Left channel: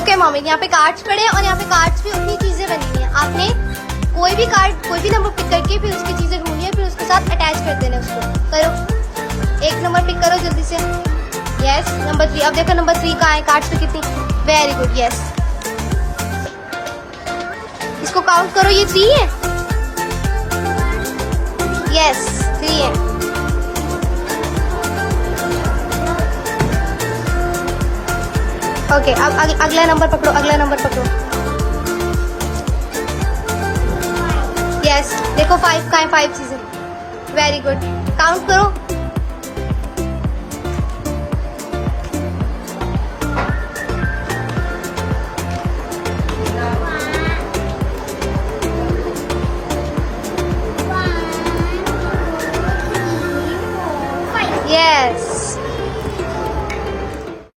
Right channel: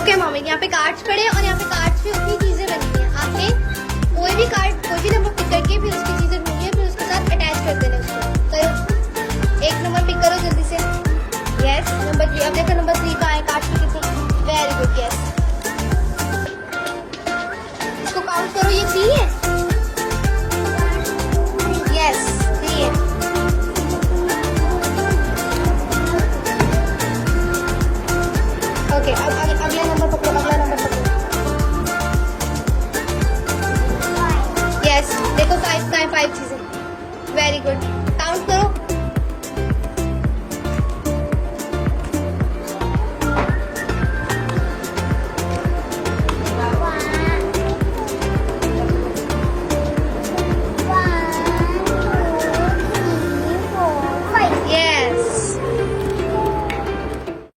Okay mommy, यहाँ पे cards पड़े हैं और यहाँ पे कार्ड्स पे उतनी चीजें बनी हुई हैं। आपने कोई भी कार्ड, कोई भी नंबर पिक करके फिर उसकी चीजें ढूंढनी है, फिर उसके साथ अटैच कर देना उसको। करो, एक नंबर पिक करो जल्दी से। Yes, number 3। अब देखो नंबर 3 कहाँ है कार्ड्स पे कितनी। Very good, yes. इसको काउंट करो, ये 3 है। यस, 3 है। ओके, अब अगला नंबर पकड़ो, अगला नंबर पकड़ो। यस, देखो 5 का है, 5 चीजें। वेरी गुड, काउंट करो।